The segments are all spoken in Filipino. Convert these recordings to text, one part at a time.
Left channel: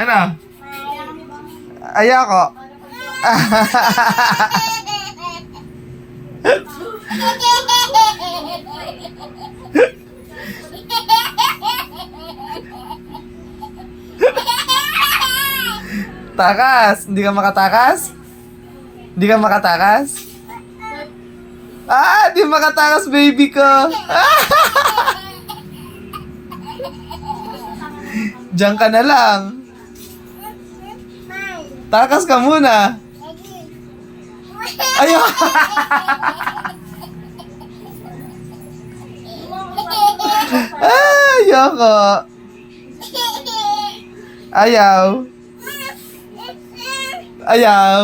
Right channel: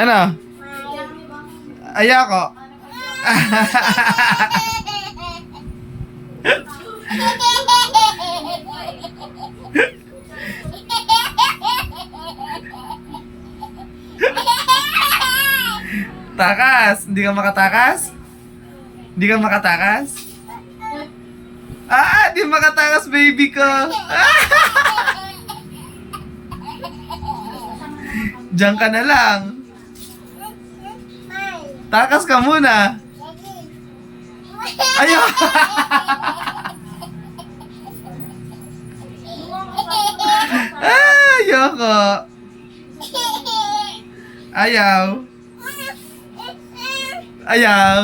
Ano? Ayoko. Takas. Hindi ka makatakas? Hindi ka makatakas? Di makatakas, baby ko. Diyan ka na lang. Takas ka muna. Ayaw. Ayoko. Ayaw. Ayaw.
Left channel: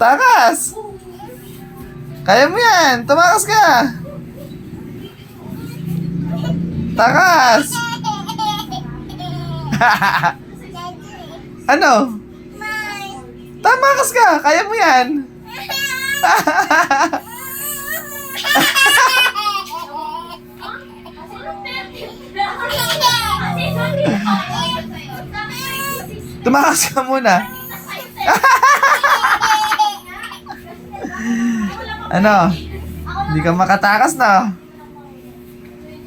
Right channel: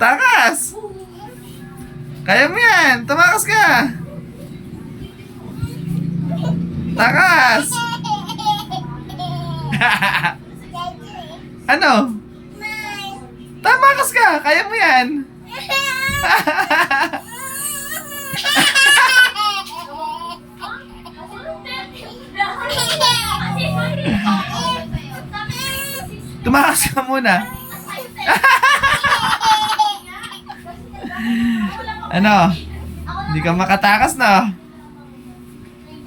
Takas. Kaya mo yan. Tumakas ka. Takas. Ano? Tamakas ka. Kaya mo yan. Tumakas ka muna. Ano? Hindi ka makatakas na.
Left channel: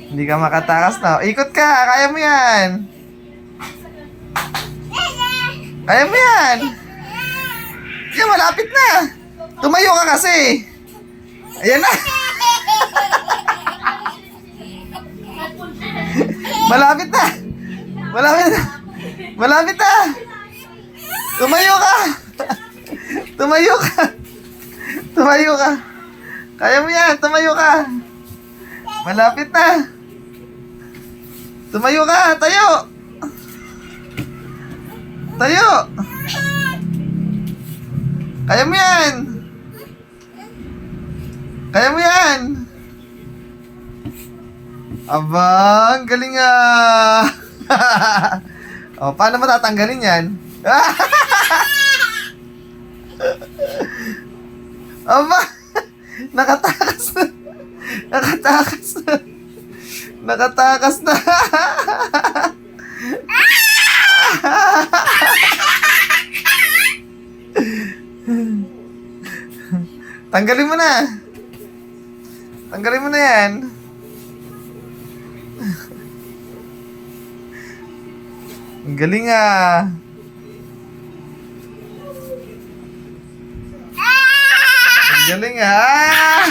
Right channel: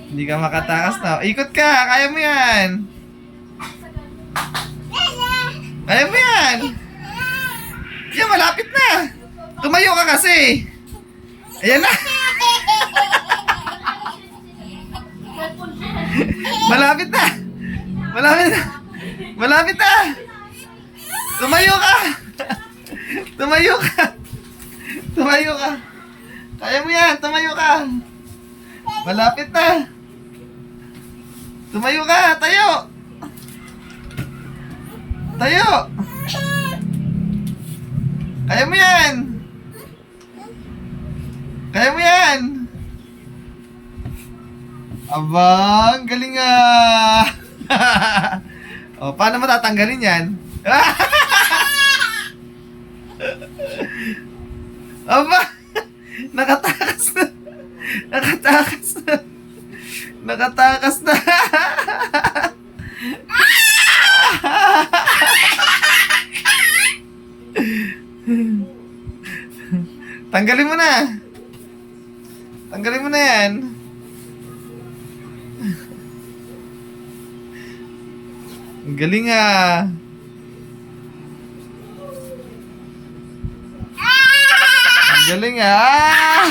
Hindi ka makatakas na. Ikot ka. Kaya mo yan. Kaya mo yan. Yan, malapit na. Tumayo ka kasi. Ayan na. Malapit na. Malapit na. Malapit na. Tumayo ka. Tumayo ka. Tumayo ka. Kaya mo yan. Tumayo ka. Malapit na. Tumayo ka. Tayo. Tayo. Kaya mo yan. Kaya mo yan. Abang, galing ah. O, paano mo tatanggalin yan? Aba, nakatakas na. Nakatakas na. Nakatakas na. Tanggalin mo na. Tanggalin mo na yan. Ang galing ah. Ang galing ah.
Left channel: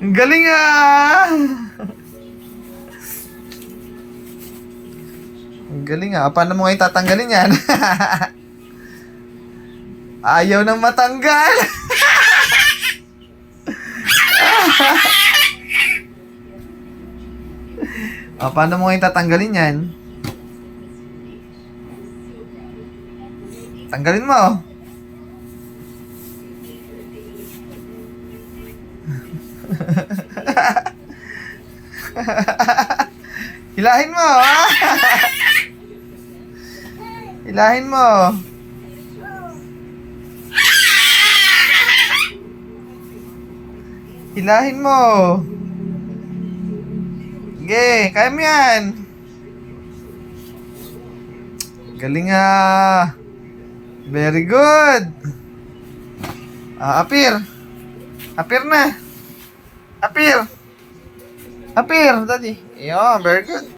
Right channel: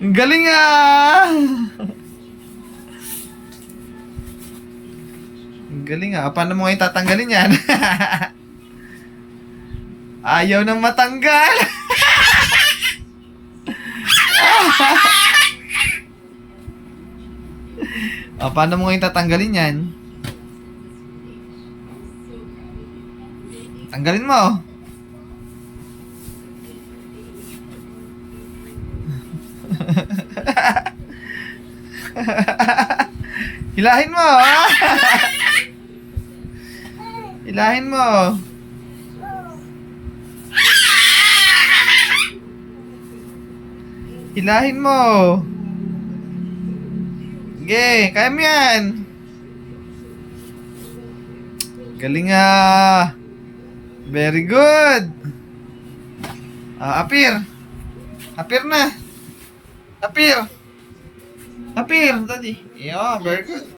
Ang galing ah. Ang galing ah. Paano mo ngayon tatanggalin yan? Ayaw nang matanggal. Paano mo ngayon tatanggalin yan? Tanggalin mo. Hilahin mo. Hilahin mo. Hilahin mo. Sige, kaya mo yan. Galing ah. Very good. Appear. Appear na. Appear. Appear, daddy. Yeah, very good.